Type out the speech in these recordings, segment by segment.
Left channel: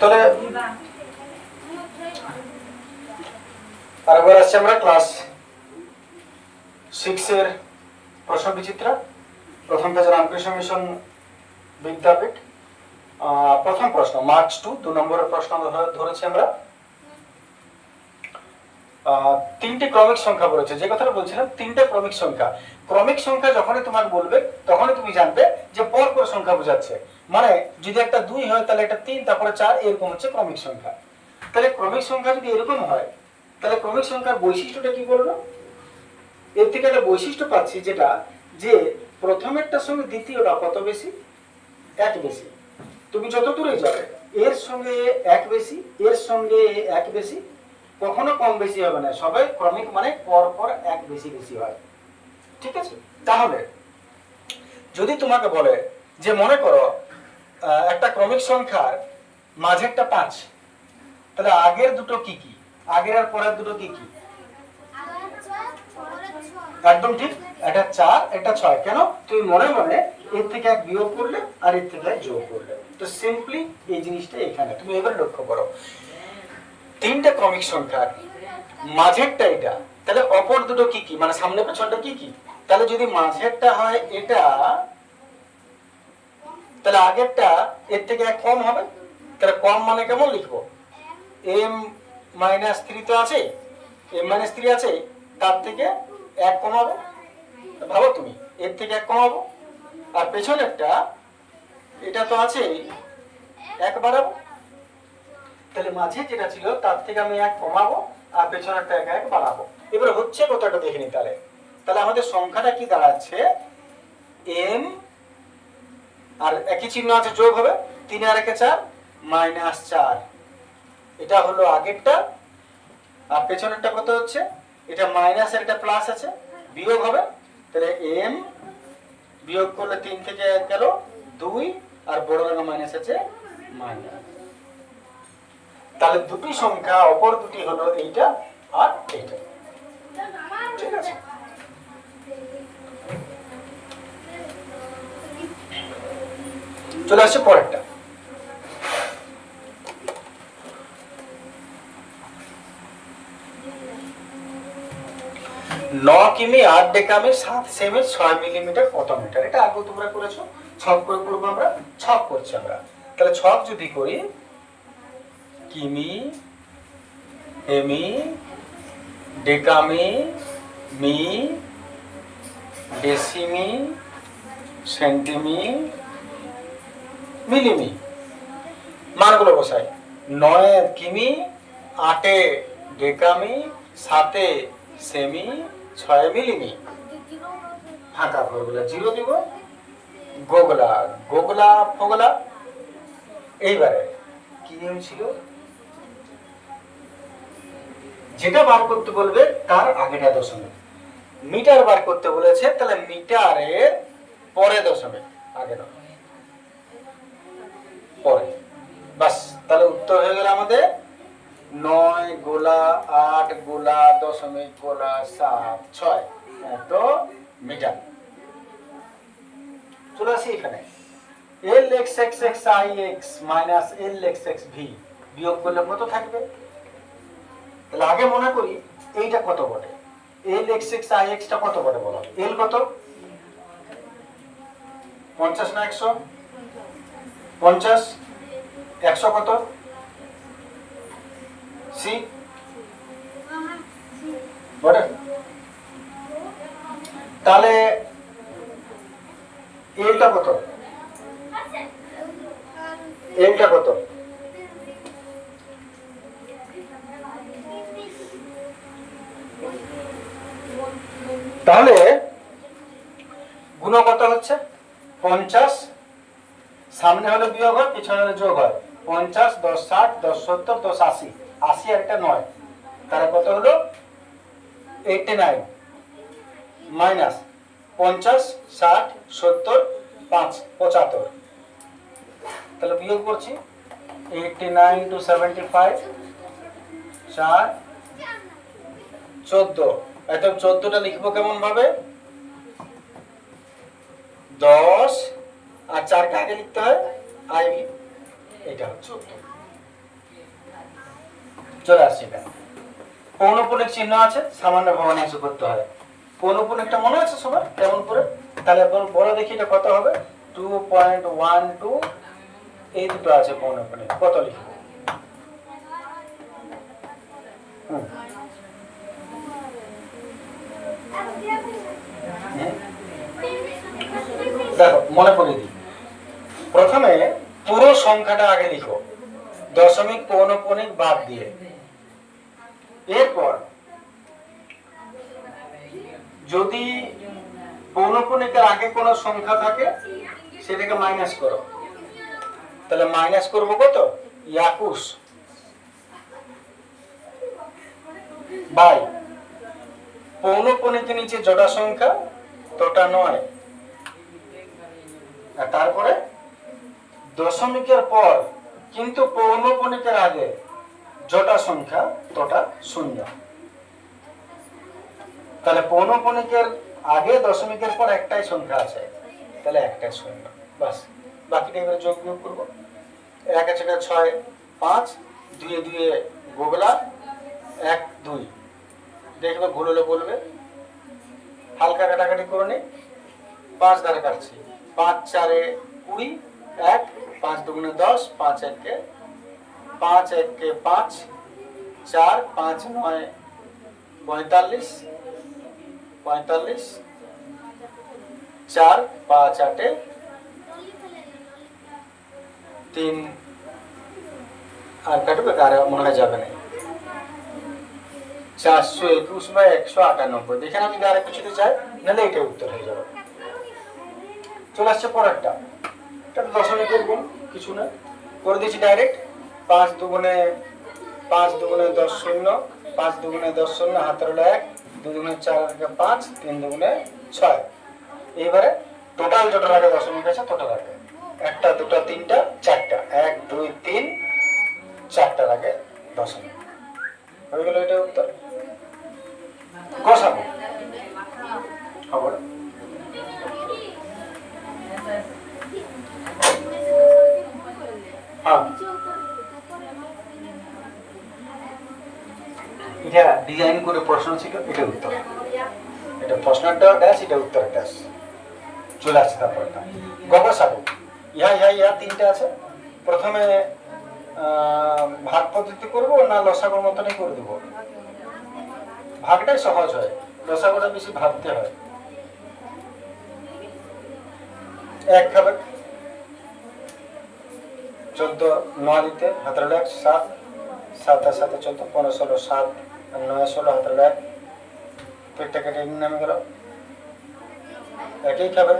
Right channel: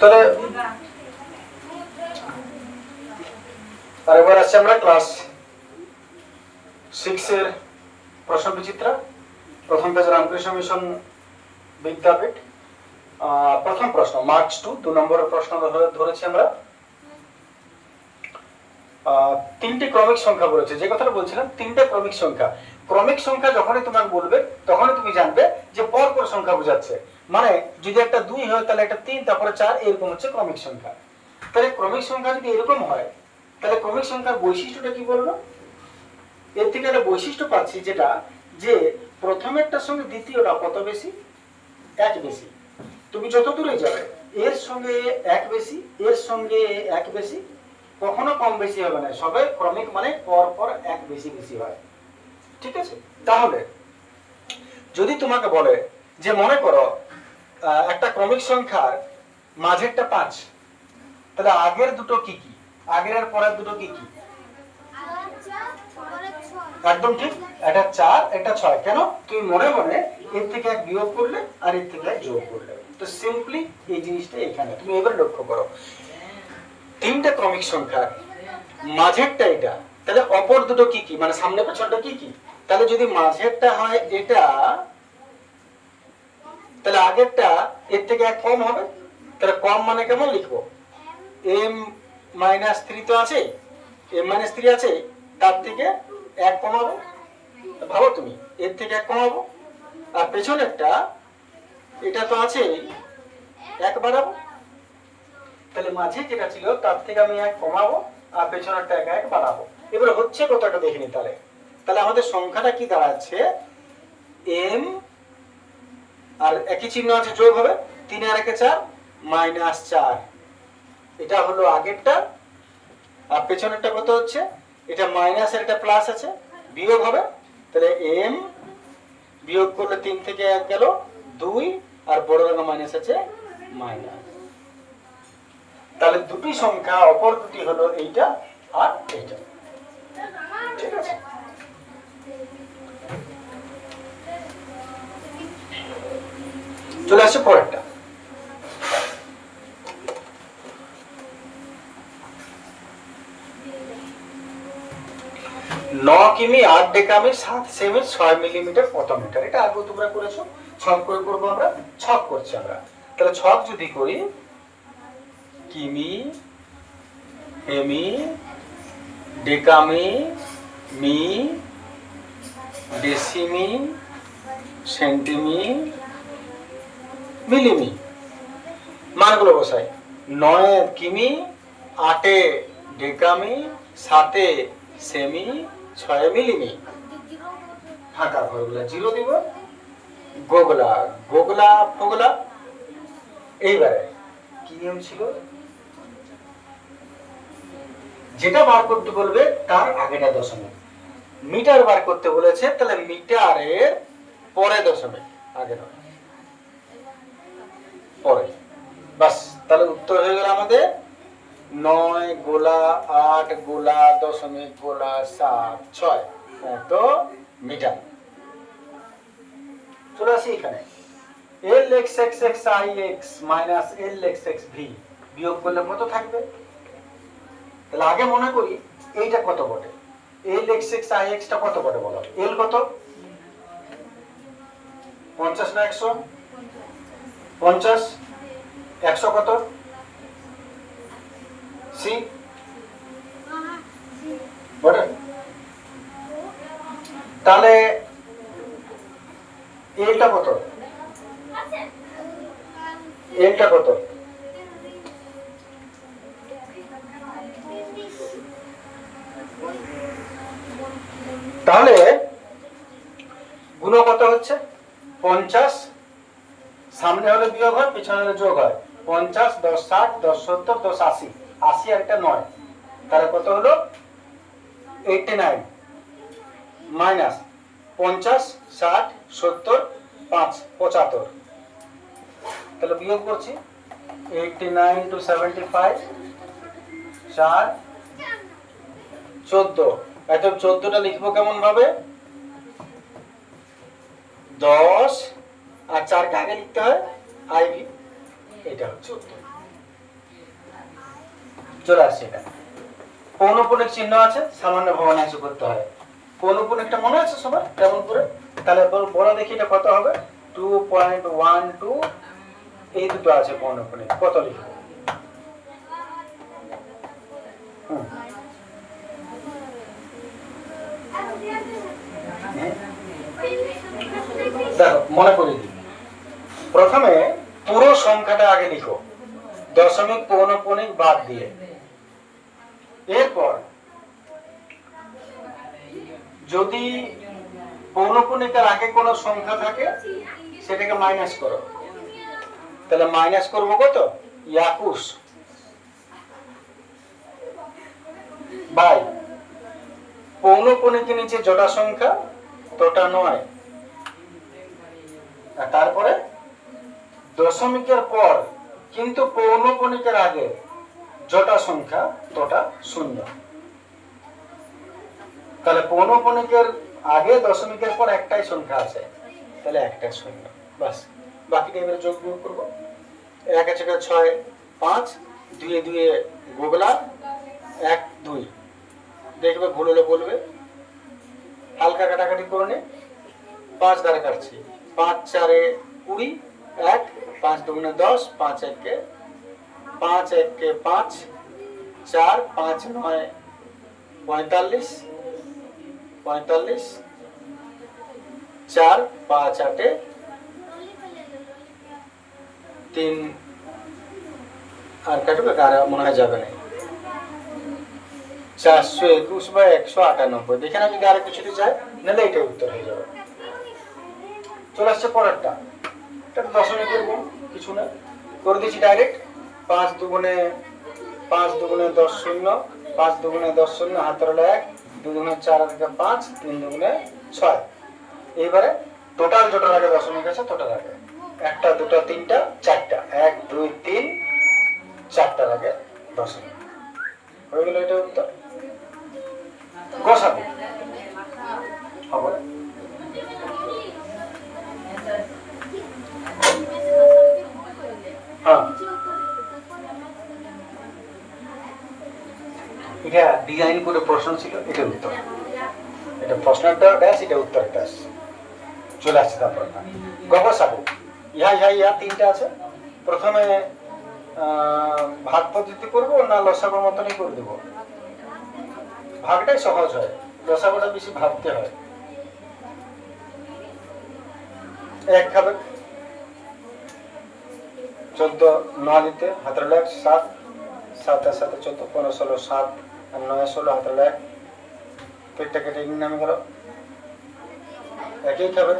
তাহলে আরেকবার আসছি আমরা ক্লাস 6 এর প্রশ্ন বিচিত্রা, প্রথম পেজ রামকৃষ্ণ মিশন বিদ্যাপীঠ। প্রথম প্রশ্ন মার্চ 2 নম্বরের প্রশ্ন ধরেছি আমরা। তিনটি ক্রমিক সংখ্যা বলেছে, যে কথাটা বলছিলাম তিনটে ক্রমিক সংখ্যা। ক্রমিক সংখ্যা যখনই তোমাকে বলবে তখনই তুমি জানবে যে পর পর সংখ্যা বোঝাচ্ছে। মানে যদি একটা 2 হয় তাহলে একটা 3, তারপরে 4, এরকম হচ্ছে ক্রমিক সংখ্যা। তাহলে ক্রমিক সংখ্যা যদি এরকম হয় তাহলে ক্রমিক সংখ্যার বৈশিষ্ট্যটা কি বলবো? এর থেকে একটা বৈশিষ্ট্য পাচ্ছি যেটা, যে প্রথমেরটার সঙ্গে দ্বিতীয়টা কত বেশি? 1 বেশি। তুমি যত দূরে যাবে এর সঙ্গে 1 বেশি, এর সঙ্গে 1 বেশি, কখনো কম বেশি হবে না, সবাই ক্রমিক মানে পর পর 1 বেশি বেশি হয়। ঠিক আছে? তাহলে যদি তোমাকে বলে যে মনে করো একটা ক্রমিক সংখ্যার মাঝেরটা 5, তাহলে আগের দুটো কি কি, আগের আর পরের দুটো কি কি? একদম ঠিক, এটা 4 এটা 6। কেন? তুমি মনে মনে এর থেকে 1 বিয়োগ করলে আর এর থেকে 1 যোগ করলে। তো সিম্পলি এই জিনিসটা এখানে তুমি এবার লক্ষ্য করো, তিনটা ক্রমিক সংখ্যার মাঝেরটা এটা, তাহলে অপর দুটো কি কি, মানে সামনে পেছনটা কি কি? তাহলে যদি মাঝেরটা হয় এটা, তাহলে আগেরটা এর থেকে 1 কম হবে। তাহলে কম মানে কেমন লিখবো? m-3 তো আছে, m-3 আছে, তার থেকে 1 কমাবো। ভাবো তুমি, এর থেকে 1 কমাবো। আর পেছনেরটা এটা তো আছে, 1 বাড়াবো। তাহলে মাঝে যেটা ছিল তার থেকে আমি 1 কমাবো আর পেছনেরটা 1 বাড়াবো। এবার হচ্ছে কতটা দেখিনি। তাহলে তাহলে আমাদের সংখ্যাটা কি দাঁড়াচ্ছে? m আর একই চিহ্ন আছে, যোগ হবে, 3 আর 1 4, -4। এটা হলো আগেরটা। আর পেছনেরটা কত হচ্ছে? এটা মাইনাস এর একটা প্লাস আছে, বিয়োগ হবে। তাহলে m বিয়োগ করলে 3 থেকে 1 গেল 2, আর বড় রঙে মাইনাস আছে মাইনাস। তাহলে দুটি সংখ্যা, অপর দুটি হলো এইটা আর এইটা। ঠিক আছে? চলে আসছে পরেরটা। 9 কিমি 8 ডেকামি 7 সেমি 6 মিলিমিটার কত মিটার? এটা আগে তোমরা করেছো, ছক করে করবো আমরা, ছক করছি আমরা। তাহলে ছক যদি করি, কিমি, এমি, ডেকামি, মি, ডেসিমি, সেন্টিমি, মিলিমি, মানগুলো বসাই। 9 কিমি, 8 ডেকামি, 7 সেমি, 6 মিলিমি। ফাঁকা ঘরগুলা 0 দিব। গোগলা গোগলা ফোগলা। এইবারে কি নিয়ম ছিল? যেটা বার করতে বলবে তার আগেটা দশমিক। মিটার বার করতে বলেছে, তাহলে মিটারের পরে দশমিক, আগে নয়, পরে। বাস, তাহলে উত্তর হয়ে গেল আমাদের 9 গোলা 8 গোলা দশমিক গোলা 7 6 এত মিটার। চলে আসি এখানে, LXXXIX মাইনাস LXXV বিয়োগ করলে কত থাকবে? তাহলে আগে মনে করি এইটা কত বটে, LXXIX টা কত বটে বলো? L কত? 50 না 100? 50। 100 কত? C বটে। তাহলে Lটা কত? Lটা কত? তাহলে গুণ কত হচ্ছে? 50, সামনে হলে বিয়োগ হয়, পিছনে হলে যোগ হয়। 50 10 60 10 70 10 80, 80 আর একটা 9, তাহলে কত হলো? 89 মাইনাস 50 60 70 5 75। তাহলে বিয়োগ করছি, 89 to 75 4 14। এখন 14টা লিখবো কেমন ভাবে? 10 আর 4 কে আগে লিখতে হয় আইভি, এটা হচ্ছে উত্তর। চলে আসছে এখানে পৌনঃপুনিক চিহ্ন আছে, সামান্য ভগ্নাংশ করতে হয়। পৌনঃপুনিকটা মনে আছে সবার কেমন করে? তাহলে বলে দেখি এটা কত হবে। 2.12 এই দুটো আছে পৌনঃপুনিক, কত লিখবো? দেখো মনে করে দিই, প্রথমে পুরো সংখ্যাটা আগে লিখো দশমিক পৌনঃপুনিক বাদ দিয়ে। এরপর যদি পৌনঃপুনিকের আগে কোনো সংখ্যা থাকে সেটাকে মাইনাস করো। তাহলে মাইনাস করবো কত? 21 বাই পৌনঃপুনিকের নিচে জোড়া সংখ্যা তোটা 9, আর তারপরে দশমিকের পর কিন্তু পৌনঃপুনিকের আগে জোড়া সংখ্যা তোটা 0। তাহলে পৌনঃপুনিকের আগে দশমিকের পর একটাই সংখ্যা আছে, তাহলে একটাই 0। বাস, বাকিটা এবার যোগ বিয়োগ করবো। 1 আছে 6, 5, 2 2 গোগলা, 1 2। দেখবে ভুল হলে বলবে, হালকা কাটাকাটি করে নে। 5 ধারে কাটছি, 5 4 20, 1 5 2 10, 5 1 5 1 5, 4 5 9 45, 4 5 8 3 আর কাটবে, কার মনে হয় যাবে না। 421 বা 198। দেখেন আমি আর কিছুতে চাই, নাহলে এটাই উত্তর হয়ে যাবে। চলে আসছে পরেরটা, এটা দশমিকের গুণ, কিছু না, করে দিচ্ছি ডাইরেক্ট। 5 দুগুণে 10 0, 5 দুগুণে 10 0, হাতের হলো 1, 2 দুগুণে 4 আর 5, 3 দুগুণে 6। এইবারে টোটাল জোটার আগে দশমিক আছে, টোটাল আগে 1টা 2টা 3টা 4টা, 1 2 3 4টার আগে দশমিক হয়ে গেল। এটা উত্তর। গসাগু হবে হ্যাঁ, এটা ডিজাইন করে প্রশ্ন ছিল, এটা উত্তর। এটা প্রশ্নটা ড্যাশ, এটা উত্তর ড্যাশ। চলে আসছে তারপরটা গসাগু। ইহা 3টে আছে। প্রথমে ভাগ পদ্ধতি করবো না লসাগুর মতনই করে দেবো? ভাগটাই সহজ হয়, লসাগুটা বেশি ভাবতে হয়। 1 খাবে 14 9 দিতে, হাতের 1 7, 7 আর 7 14, 15 16 7 আর 9 16, হাতের 1 পেটটা কেটে নামে গেল। একই খাবে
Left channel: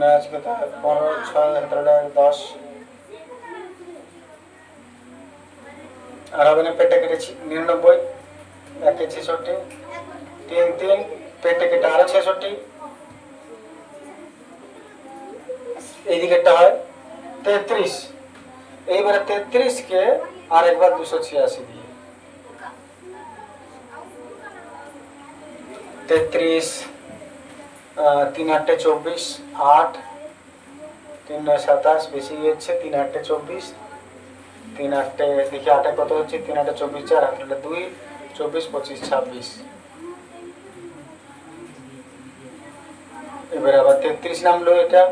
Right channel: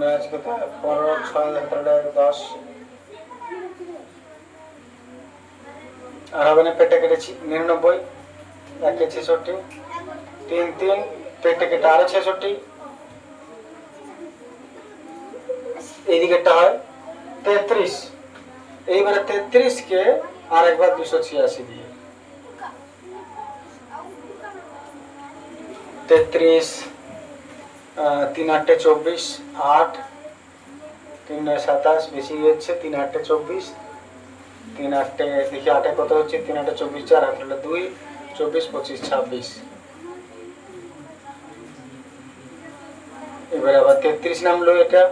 9 আছে কত 15 6 হাতের 1 10 আর হবে না, পেটটা কেটেছি 99, 1 66, 3 3 পেটটা কেটে আরো 66। এই দিকেরটা হয় 33। এইবারে 33 কে আর একবার 286 দিয়ে 33 3 8 24 8 3 9 27, বেশি হচ্ছে 3 8 24, 3 8 দেখি 8 কত হচ্ছে, 3 8 24 4 হাত 2 24 25 26। এবার আবার 33 নামলো, এটা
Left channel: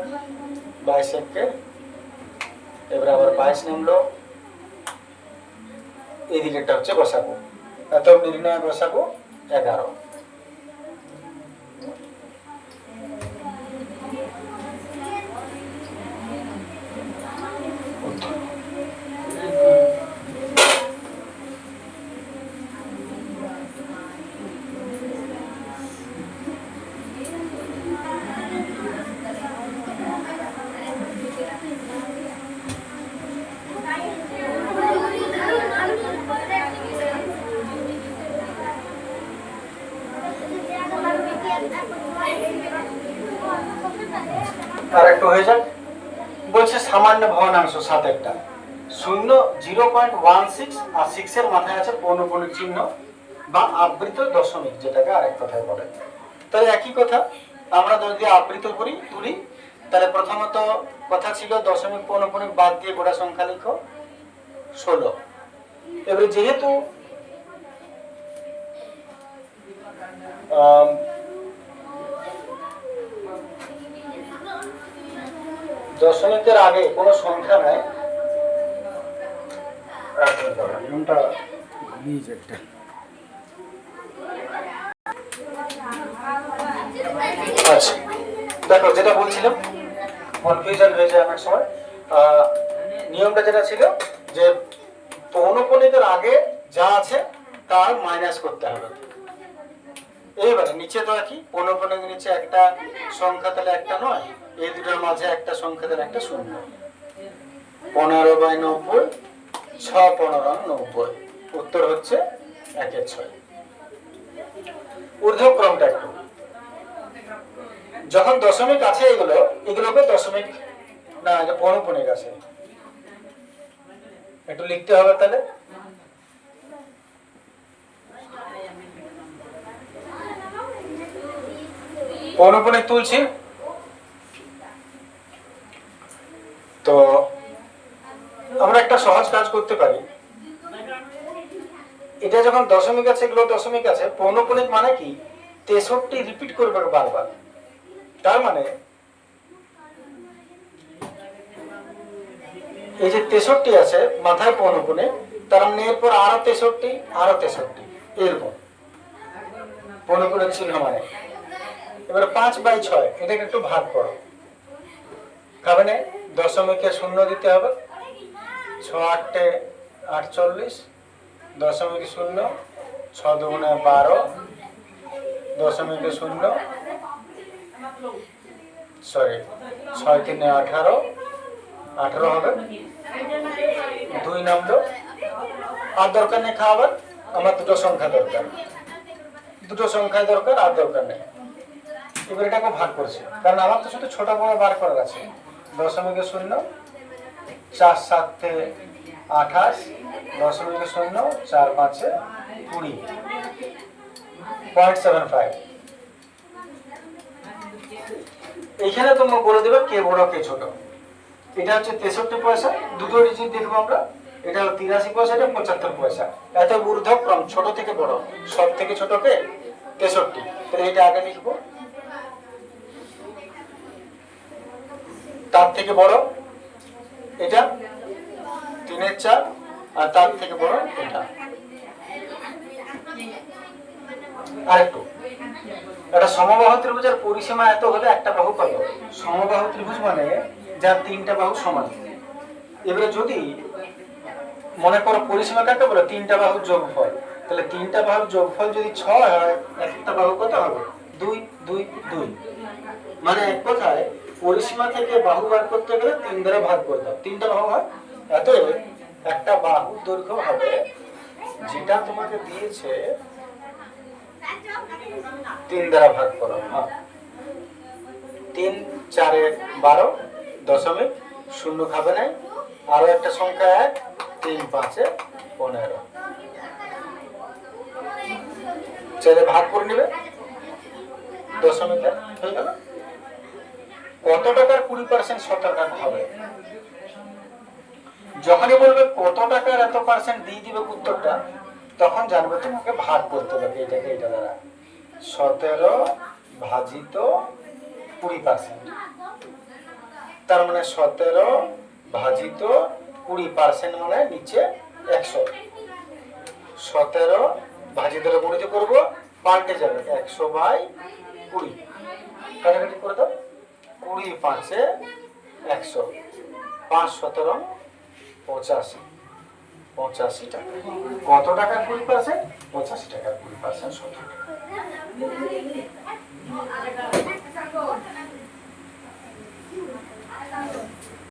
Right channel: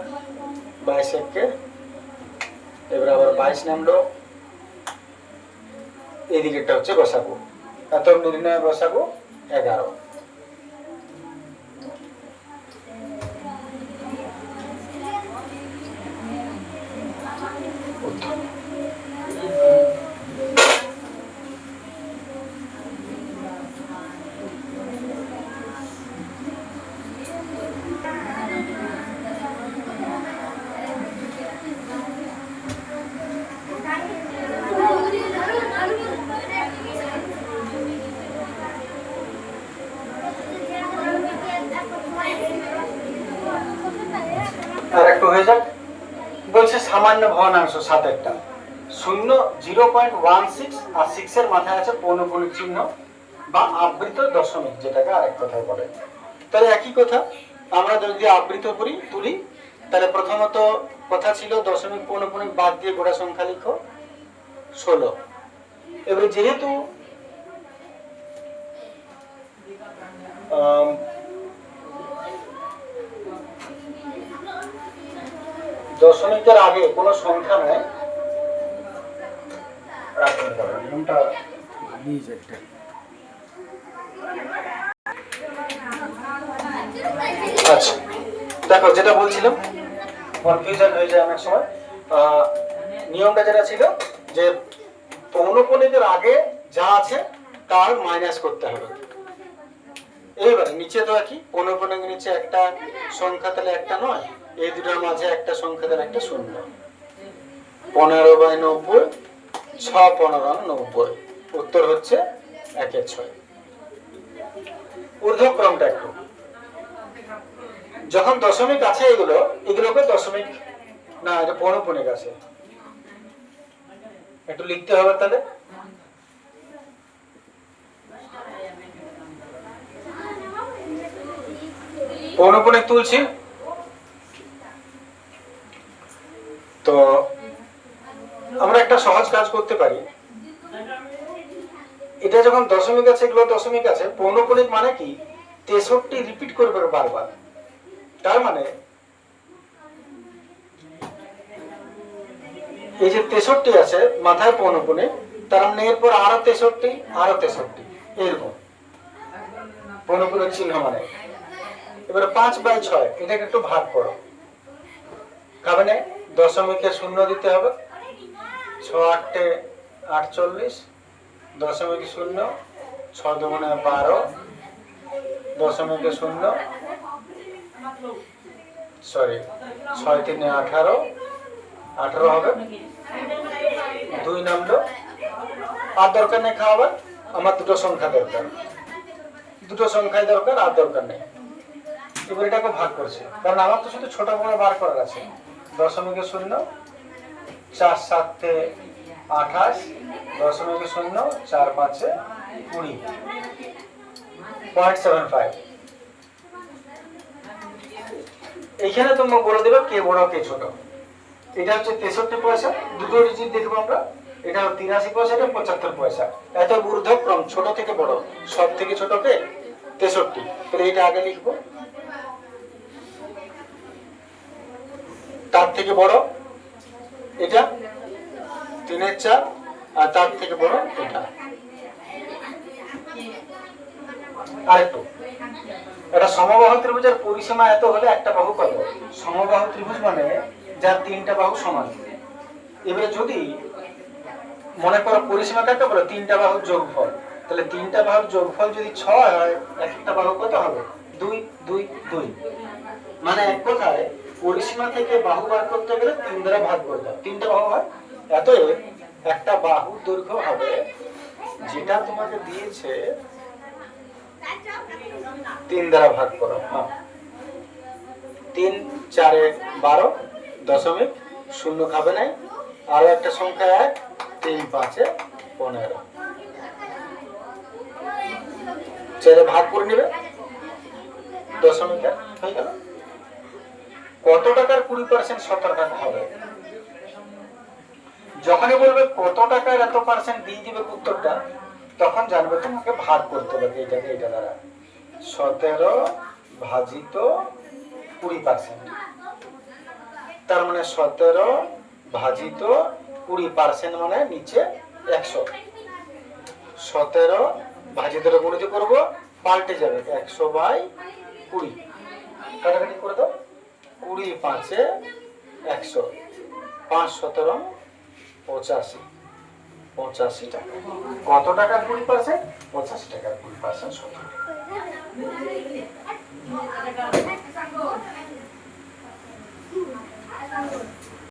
22 কে এবার আবার 22 নামলো। এই দিকেরটা হচ্ছে গসাগু। এত নির্ণয় গসাগু 11। আর একটু হয়ে যাক, বলছে সামান্য ভগ্নাংশ 7 0 0.16 আর 6 এর মাথায় আছে পৌনঃপুনিক চিহ্ন বা আবৃত দশমিক, যেটাকে আরেক কথায় বলে। তাহলে একই কথা, আমরা যদি আবৃত করি তুলি, তাহলে প্রথমত কথা ছিল দশমিক পৌনঃপুনিক বাদ দিয়ে গোড়া সংখ্যা লিখো 16। এবারে যেহেতু দশমিকের আগে কোনো সংখ্যা নাই, আচ্ছা দেখো যেটা বলছিলাম কনফিউশন হয়ে যায় অনেক সময়। নিয়মটা যেটা ছিল যে পৌনঃপুনিকের আগে যা আছে তার মাইনাস করতে হবে। এইবারে নিচে তো একই, পৌনঃপুনিকের নিচে একটা সংখ্যা তাহলে একটা নয়, এই দুটোর মাঝে একটা সংখ্যা তাহলে একটা শূন্য। 15/90, 6×15=90, উত্তর হচ্ছে 1/6। ঊর্ধ্বক্রমটা একটু, যখন দশমিক আছে এগুলোকে দশমিক না, এটা পৌনঃপুনিক আছে, একটু লিখতে হবে তাহলে। পৌনঃপুনিক তুলছি তো আমরা একটা সহজ কাজ করতে পারি। এটা যখন দশমিক আছে, এগুলো দশমিক আছে, পৌনঃপুনিক মানে কি 63 রিপিট করবে বারবার। তার মানে এই যে 63 আছে মাথায় পৌনঃপুনিক, তার মানে এরপর আরো 63, আরো 63, এরকম পৌনঃপুনিক চিহ্ন মানে। এবারে 5/6 এটাকে একটু ভাগ করো, খাবে না, দশমিকে শূন্য দিতে হবে, 6×8 = 48, দশমিকে শূন্য, 6×2 = 12, দশমিকে শূন্য, সরি 6×3 = 18, 18 হবে, 2 নামলো। আর দরকার নেই খাওয়াবার, আমার দুটো সংখ্যা দরকার, দুটো সংখ্যায় দরকার, আর দরকার নেই। এবার এটাকে ভাগ করছি, কারণ আমার তো শুধু ছোট বড় বার করার আছে। দশমিকে শূন্য, 4×7 = 28, দশমিকে শূন্য, 4×5 = 20, 0.75। এইখানে তোমরা বলে দেবে কে বড় কে ছোট। এটা হচ্ছে 63 পয়সা, দুটো ডিজিট দেখবো আমরা, এটা 83 পয়সা, এটা 75 পয়সা। এত ঊর্ধ্বক্রম, ছোট থেকে বড়, সব থেকে ছোট কে 63, তাহলে এটা আগে লিখবো। তার থেকে বড় এটা 3/4, আর তার থেকে বড় এটা। আরেকটু, একটা সমবাহু ত্রিভুজের পরিসীমা এত হলে একটা বাহু কত? সমবাহু ত্রিভুজ মানে যার 3টা বাহু সমান। এবারে যদি মনে করো পরিসীমা কাকে বলে? 3টা বাহুর যোগফল। তাহলে 3টা বাহুর যোগফল যদি 6 হয়, একটা বাহু কত হবে? 2, 2, 2। মানে এক কথায় পরিসীমা থেকে বাহু বার করতে গেলে 3 দ্বারা ভাগ করতে হবে। 3টা বাহু হয়, অতএব একটা বাহুর দৈর্ঘ্য হবে যেটা তোমাকে দিয়েছে 3 দ্বারা ভাগ করো। 3×4 = 12, দশমিক শূন্য খাবে নাই, আরো একটা সংখ্যা 1, 3×5 = 15। সেটা ভাগ করে নেবে, দশমিকে হয়ে গেল। কত টাকার 20% 17 টাকা হবে? যখনই বলবে কত টাকার এত পার্সেন্ট দিয়ে দিবে উত্তরটা, তখন জানবে তোমাকে ভাগ করতে হবে এটাকে এটা দ্বারা। 17/20%। তার মানে 17/20% মানে নিচে 100। 17 গুণিত করবো, পাল্টে যাবে 100/20। কাটাকাটি করে দাও, 20×5 = 100, 5×17 = 85 টাকা। কত টাকার 20%? 85 টাকার 20% 17।